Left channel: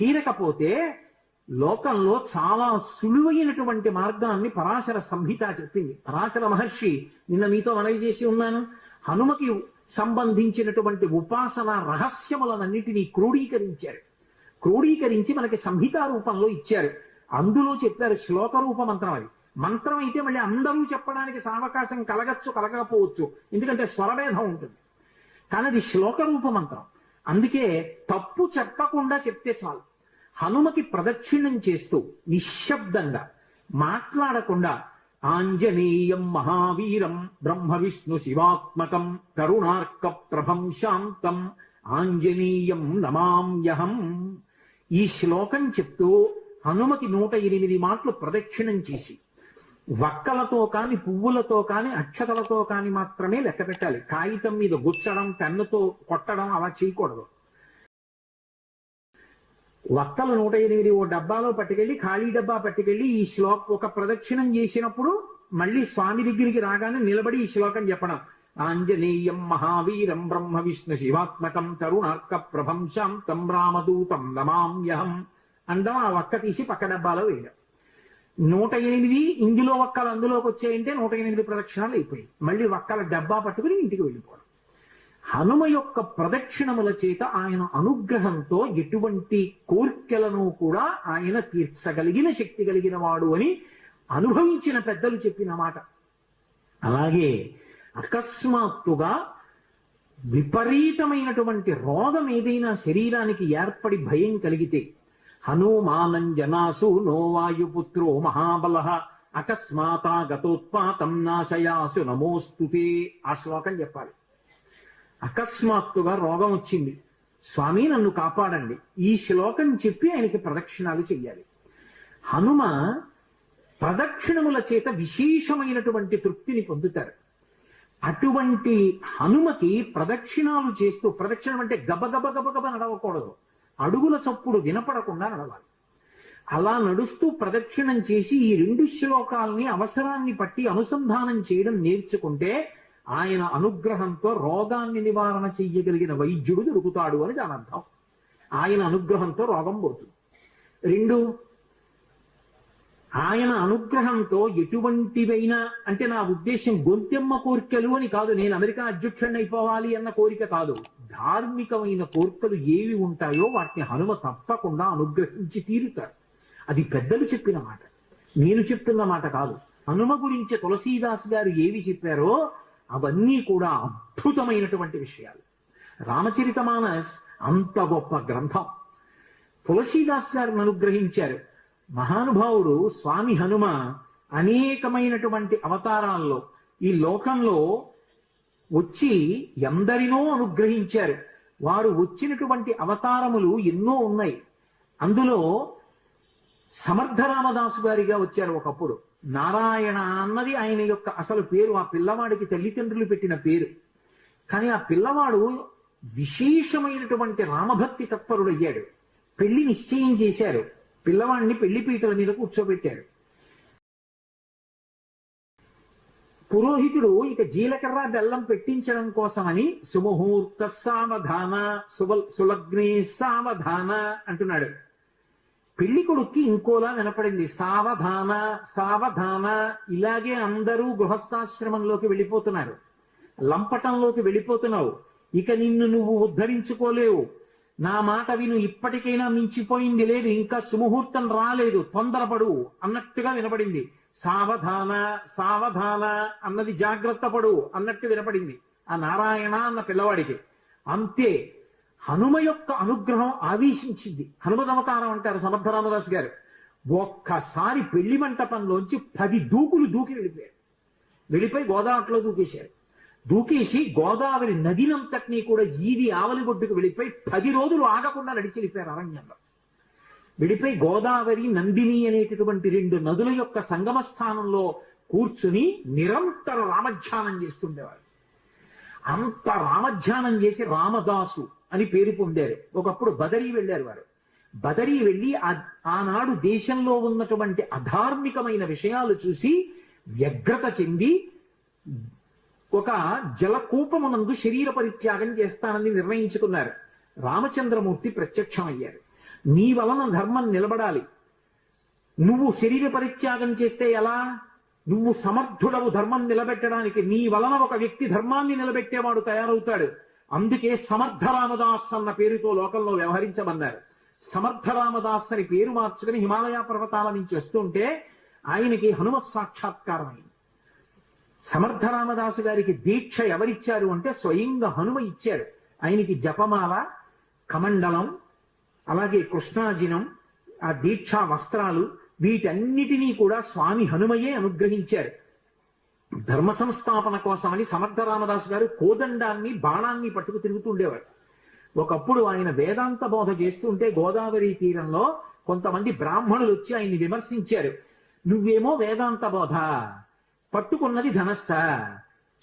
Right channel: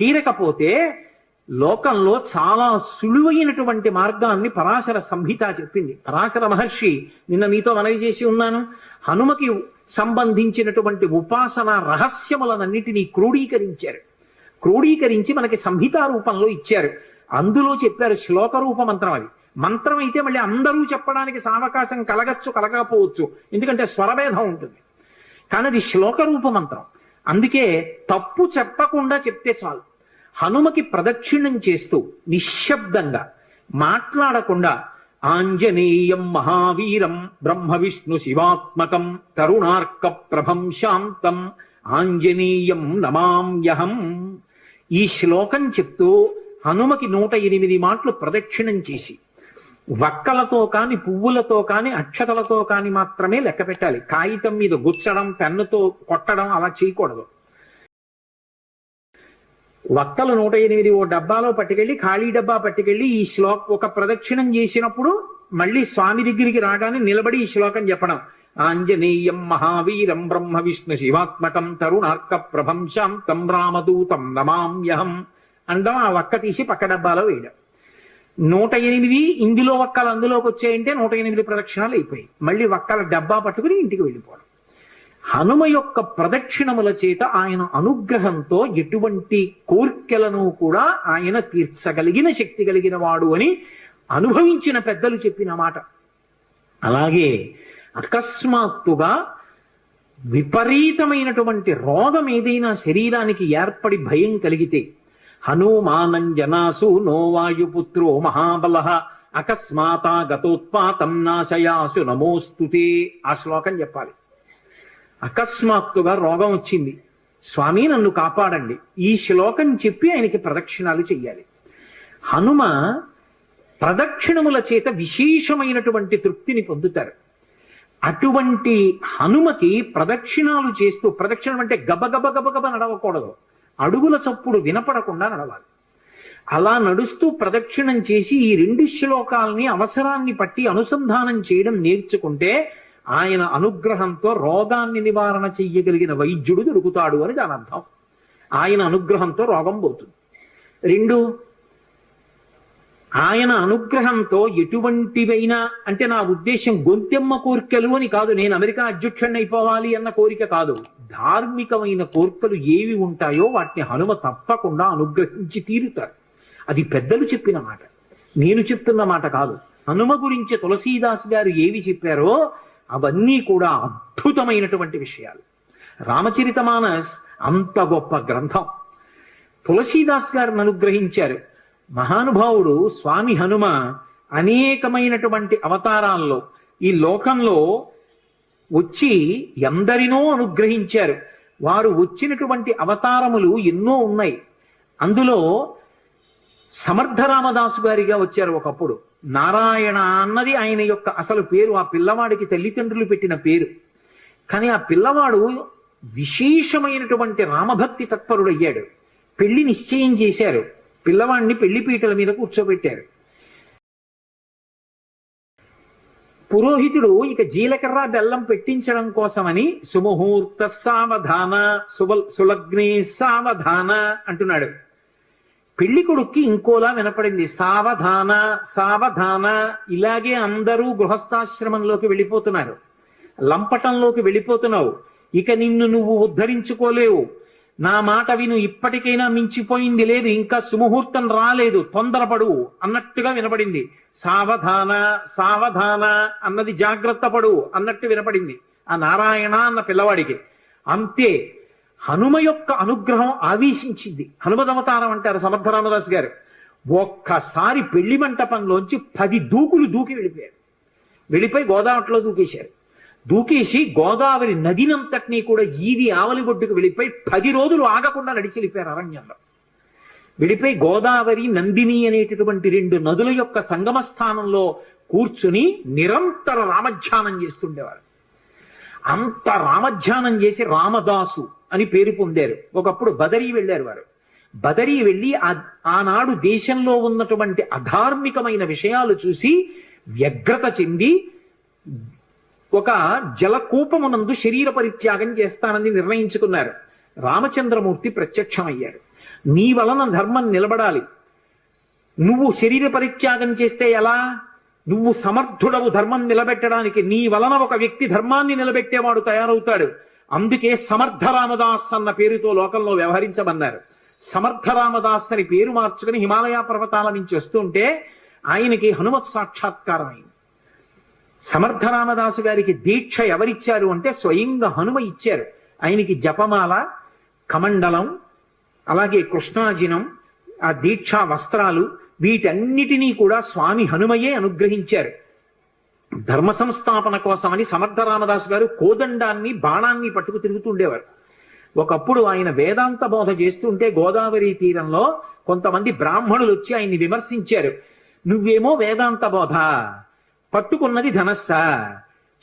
తీరకపోతే లోకంలో చాలా సులువైనటువంటి మార్గాన్ని పరాశర సంహిత చెప్పింది. పరాశర మహర్షి నిన్న మీతో మనవి చేసి ఉన్నాను. హనుమకి సంబంధించినటువంటి ఉపాసన రహస్యములనన్నిటినీ క్రోడీకరించారు. క్రోడీకరించి మనకి సంహితా రూపంలో ఇచ్చారు. అందులో చెప్పారు శ్లోక రూప మంత్రం అది. మంత్రం అయితే మళ్ళీ అందరూ చెప్పడానికి సావకాశం కలగచ్చు కలగకపోవచ్చు. ఎందుకంటే స్వరభేదం ఉంటుంది. కానీ అది శ్లోక రూప మంత్రం. అందుకే తప్పు చెప్పకుండా చెప్తే చాలు. హనుమకి ప్రదక్షిణం చేస్తూ నిశ్శబ్దంగా మాట్లాడకుండా ఆంజనేయం మహావీరం బ్రహ్మ విష్ణు శివాత్మకం తరుణార్క ప్రభం శాంతం ఆంజనేయం నమామ్యహం. ఈ శ్లోకం చెప్తూ హనుమకి నూట ఎనిమిది మాటలు ప్రదక్షిణం చేసి వక్కలతో కాని పువ్వులతో కాని అక్షతలతో కాని మాత్రమే లెక్క పెట్టాలి. కాగితం మీద గుచ్చడం పెన్నుతో కొట్టడం అలా చేయకూడదు. వక్తలు నూట ఎనిమిది ఓ డబ్బాలో పట్టుకెళ్ళి ఖాళీ డబ్బా పట్టుకెళ్ళి ఈ శ్లోక ఒక ప్రదక్షిణం చేసినప్పుడు మళ్ళీ స్వామి దగ్గరికి రాగానే నిలబడి ఈ శ్లోకం చెప్పడం. ఆంజనేయం మహావీరం బ్రహ్మ విష్ణు శివాత్మకం తరుణార్క ప్రభం శాంతం రామదూతం నమామ్యహం అండం ఆ వక్క తీసి పక్క డబ్బాలో వేయడం. నూట ఎనిమిది ఇందులో వక్కలు అందులోకి వచ్చాయంటే నూట ఎనిమిది ప్రదక్షిణాలు అయిపోయాయి. మళ్ళీ వక్కల డబ్బా పట్టుకుని ఇంటికి వెళ్ళిపోవడం. హనుమ యొక్క ప్రదక్షిణముల చేత ఆయన అనుగ్రహంతో ఎటువంటి కోర్కెలను కూడా ఆయన తీర్చగలిగిన శక్తి కలిగిన వాడు అని అనుభవించిన పెద్దలు చెప్పిన మాట. అలాగే అకస్మాత్తుగా విపరీతమైనటువంటి రోగం ఏదైనా శరీరానికి ఏర్పడి భయం కలిగితే హనుమానంజనాసు నో వాయుపుత్రో మహాబల అకస్మాతా గతోత్పాతం నాశయాసు నమోస్తుతే ఆ శ్లోకం చెప్పాలి. అకస్మాత్తుగా రోగం వచ్చింది. స్వామి నన్ను కాపాడండి. ఈ శ్లోకం చెప్పి ఆయనకి ప్రదక్షిణాలు చెయ్యాలి. హనుమ ప్రదక్షిణముల చేత విశేషమైనటువంటి తృప్తిని పొందుతారు. అటువంటి హనుమకి ప్రదక్షిణాలు చేస్తూ ప్రదక్షిణం అంటే గబగబ గబగబ నడవకూడదు. అడుగుల చప్పుడు వినపడకుండా నడవాలి. అలా నడుస్తూ ప్రదక్షిణం చేసి ఈ రెండు శ్లోకాల్ని అవసరాన్ని పట్టి అనుసంధానం చేయడం నేర్చుకుంటే ఆయన అనుగ్రహంతో రోగాన్ని నివారణ చెయ్యగలిగిన వైద్యుడు దొరుకుతాడు అని దాని అర్థం. ఆయన అనుగ్రహంతో రోగం పోతుంది. రెండు ఆయన అనుగ్రహంతో ఎటువంటివైనా అంటే నా ఉద్దేశం గొంతెమ్మ కోరికలు అని కాదు నేను అమెరికా అధ్యక్షుడిని అయిపోవాలి అన్న కోరిక కాదు. ధార్మికమైన కోరికలు ఏవి ఉంటాయో వాటిని హనుమ తప్పకుండా అనుగ్రహించి తీరుతారు అది పెద్దలు చెప్పిన మాట. నేను చెప్తున్న మాట కాదు. హనుమ గురించి తులసీదాస్ గారు ఏవి చెప్పారో అవన్నీ కూడా అద్భుతమైనటువంటి విషయాలు. రామచరితమానస్ అంత గొప్ప గ్రంథం. తులసీదాస్ గారిని అనుగ్రహించారు. మహానుభావుడు స్వామి హనుమ అనేకమైనటువంటి అవతారాల్లో ఈ లోకంలో వచ్చి ఎందరినో అనుగ్రహించారు. వారు వచ్చినటువంటి అవతారములు ఎన్నో ఉన్నాయి. అందులో సమర్థ రామదాసు గారిగా వచ్చారు ఒకప్పుడు. నారాయణ అన్నది ఆయన యొక్క అసలు పేరు ఆ పిల్లవాడికి తల్లిదండ్రులు పెట్టిన పేరు. కానీ ఆ పిల్లవాడు విశేషమైనటువంటి రామభక్తి తత్పరుడు అయ్యాడు పెళ్ళి నిశ్చయం చేశారు. పిల్లవాడిని పెళ్ళి పీటల మీద కూర్చోబెట్టారు. పురోహితుడు ఇక జీలకర్ర బెల్లం పెట్టించడం కోసమని సుముహూర్త సావధాన సుబల్ సులగ్నే సావధాన అంటున్నాడు. పెళ్ళి కొడుక్కి ఇంకోలా వినపడింది. సావధాన సావధాన. ఇలాగే అందరూ గృహస్థాశ్రమంలోకి వెళ్ళిపోతున్నారు. లంపటంలోకి వెళ్ళిపోతున్నావు. ఇక నిన్ను నువ్వు ఉద్ధరించుకోలేవు. నా మాట విను ఇప్పటికైనా మించిపోయింది లేదు. ఇంకా సుముహూర్తం రాలేదు. తొందరపడు అన్నట్టుగా వినపడింది. సావధాన సావధాన అన్నది జాగ్రత్త పడు అన్నట్టు వినపడింది. ఆ నారాయణ అన్న పిల్లవాడికి. అంతే. హనుమ యొక్క అనుగ్రహం ఆవేశించింది. హనుమదవతారం అంటారు సమర్థ రామదాస్ గారు. ఒక్కసారి పెళ్ళి మంటపంలోంచి పది దూకులు దూకి వెళ్ళిపోయారు. వెళ్ళిపోయి గోదావరిలో దూకేశారు. దూకేసి గోదావరి నదినంతటినీ కూడా ఈది ఆవలి ఒడ్డుకు వెళ్ళిపోయి పది రోజులు ఆగకుండా నడిచి వెళ్ళిపోయారు అరణ్యంలో. వెళ్ళిపోయి గోదావరి నందిని అనేటటువంటి రెండు నదుల యొక్క సంగమ స్థానంలో కూర్చుని నిరంతర రామధ్యానం చేస్తుండేవారు. అంత రామధ్యానం చేసి రామదాసు అని పేరు పొందారు. ఒకప్పుడు బదరీ వెళ్ళారు వారు. బదరీ వెళ్ళి ఆనాడు దేశంలో ఉన్నటువంటి అధార్మికమైన విషయాలు చూసి వ్యగ్రత చెంది ఒక జలకూపమునందు శరీర పరిత్యాగం చేస్తానని నిర్ణయించుకున్నారు. రామచంద్రమూర్తి ప్రత్యక్షమయ్యారు. నీ వలన ధర్మం నిలబడాలి. నువ్వు శరీర పరిత్యాగం చేస్తే ఎలా? నువ్వు సమర్థుడవు ధర్మం నిలబెట్టడానికి నీ వలన ఒక వ్యక్తి ధర్మాన్ని నిలబెట్టేవాడు తయారవుతాడు. అందుకే సమర్థ రామదాస్ అన్న పేరుతో లోకంలో వ్యవహరించమన్నారు సమర్థ రామదాస్ అని పేరు మార్చుకుని హిమాలయ పర్వతాల నుంచి వస్తుంటే ఆయనకి హనుమత్ సాక్షాత్కారం అయింది సమర్థ రామదాసు గారికి దీక్ష ఎవరిచ్చారు అంటే స్వయంగా హనుమ ఇచ్చారు. ఆయనకి జపమాల కమండలం అలాగే కృష్ణాజినం ఆ దీక్షా వస్త్రాలు వీటన్నిటినీ కూడా స్వామి హనుమయే అనుగ్రహించారు. ధర్మ సంస్థాపన కోసమని సమర్థ రామదాస్ గారు కోదండాన్ని బాణాన్ని పట్టుకు తిరుగుతుండేవారు ఒకప్పుడు ఆయన వేదాంత బోధ చేస్తుంటే గోదావరి తీరంలో కొంతమంది బ్రాహ్మణులు వచ్చి ఆయన్ని విమర్శించారు. నువ్వేమో వేదాంత బోధ పట్టుకున్నది ధనస్సా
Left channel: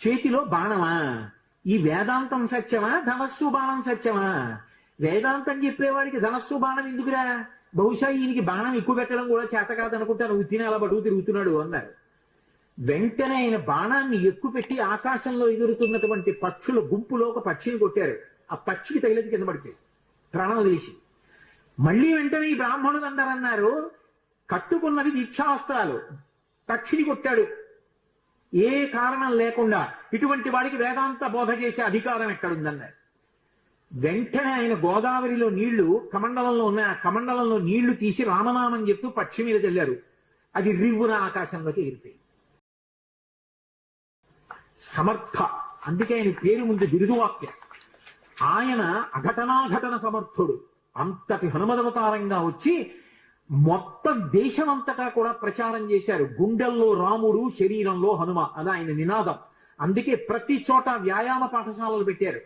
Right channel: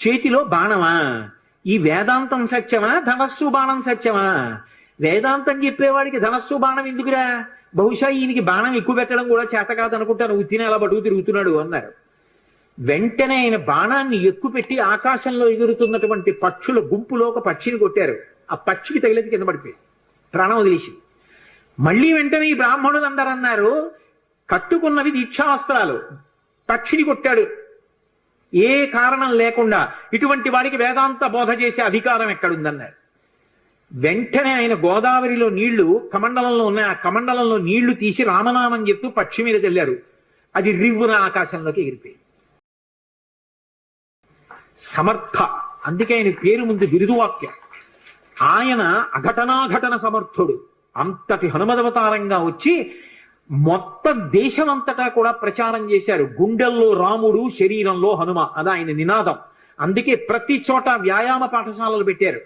చేతిలో బాణమా ఈ వేదాంతం సత్యమా ధనస్సు బాణం సత్యమా? వేదాంతం చెప్పేవాడికి ధనస్సు బాణం ఎందుకురా? బహుశా ఈయనకి బాణం ఎక్కువ పెట్టడం కూడా చేత కాదనుకుంటాను. ఉత్తిని అలా బడుగు తిరుగుతున్నాడు అన్నారు. వెంటనే ఆయన బాణాన్ని ఎక్కువ పెట్టి ఆకాశంలో ఎగురుతున్నటువంటి పక్షుల గుంపులో ఒక పక్షిని కొట్టారు. ఆ పక్షికి తగిలేది కింద పడిపోయింది. ప్రాణం వదిలేసి మళ్ళీ వెంటనే ఈ బ్రాహ్మణులు అందరూ అన్నారు కట్టుకున్నవి దీక్షాస్త్రాలు. పక్షిని కొట్టాడు. ఏ కారణం లేకుండా ఇటువంటి వాడికి వేదాంత బోధ చేసే అధికారం ఎక్కడుందన్నారు. వెంటనే ఆయన గోదావరిలో నీళ్ళు కమండలంలో ఉన్నాయి. ఆ కమండలంలో నీళ్ళు తీసి రామనామం చెప్తూ పక్షి మీద తెల్లారు అది రివ్వున ఆకాశంలోకి ఎగిరిపోయింది. సమర్థ. అందుకే ఆయన పేరు ముందు బిరుదువాక్యం. ఆయన అఘటనాఘటన సమర్థుడు. అంతటి హనుమదవతారంగా వచ్చి మొత్తం దేశమంతటా కూడా ప్రచారం చేశారు. గుండెల్లో రాముడు శరీరంలో హనుమ. అది ఆయన నినాదం. అందుకే ప్రతి చోట వ్యాయామ పాఠశాలలు పెట్టారు.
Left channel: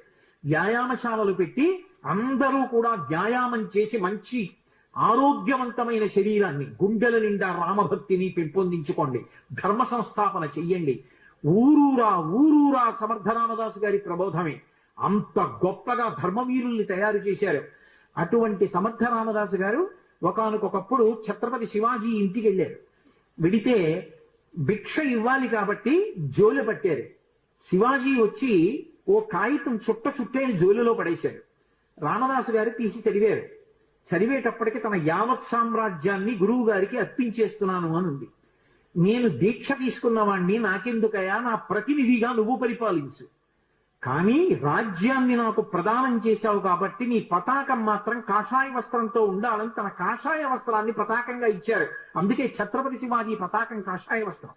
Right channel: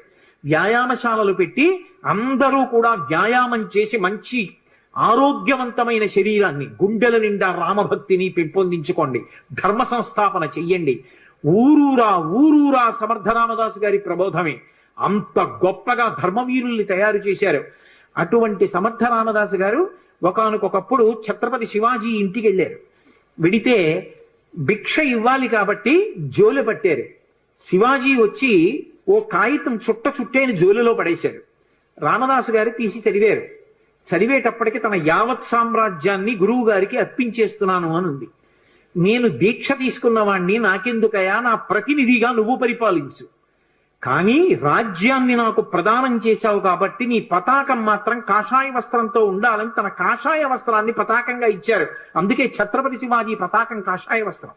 వ్యాయామశాలలు పెట్టి అందరూ కూడా వ్యాయామం చేసి మంచి ఆరోగ్యవంతమైన శరీరాన్ని గుండెల నిండా రామభక్తిని పెంపొందించుకోండి. ధర్మ సంస్థాపన చెయ్యండి. ఊరూరా ఊరూరా సమర్థ రామదాసు గారి ప్రబోధమే. అంత గొప్పగా ధర్మవీరుల్ని తయారు చేశారు. అటువంటి సమర్థ రామదాసు గారు ఒకనకొకప్పుడు ఛత్రపతి శివాజీ ఇంటికి వెళ్ళారు. వెడితే భిక్ష ఇవ్వాలి కాబట్టి జోలు పట్టారు. శివాజీ వచ్చి ఓ కాగితం చుట్ట చుట్టేని జోలులో పడేశారు రామదాసు గారు తీసి చదివారు. చదివేటప్పటికి తన యావత్ సామ్రాజ్యాన్ని గురువు గారికి అర్పించేస్తున్నాను అని ఉంది నేను దీక్ష తీసుకున్న వాణ్ణి నాకెందుకయా నా ప్రతినిధిగా నువ్వు పరిపాలించు. కానీ రాజ్యాన్ని నాకు ప్రదానం చేశావు కాబట్టి నీ పతాకం మాత్రం కాషాయ వస్త్రంతో ఉండాలని తన కాషాయ వస్త్రాన్ని పతాకంగా ఇచ్చారు. అందుకే ఛత్రపతి శివాజీ పతాకం కాషాయ వస్త్రం.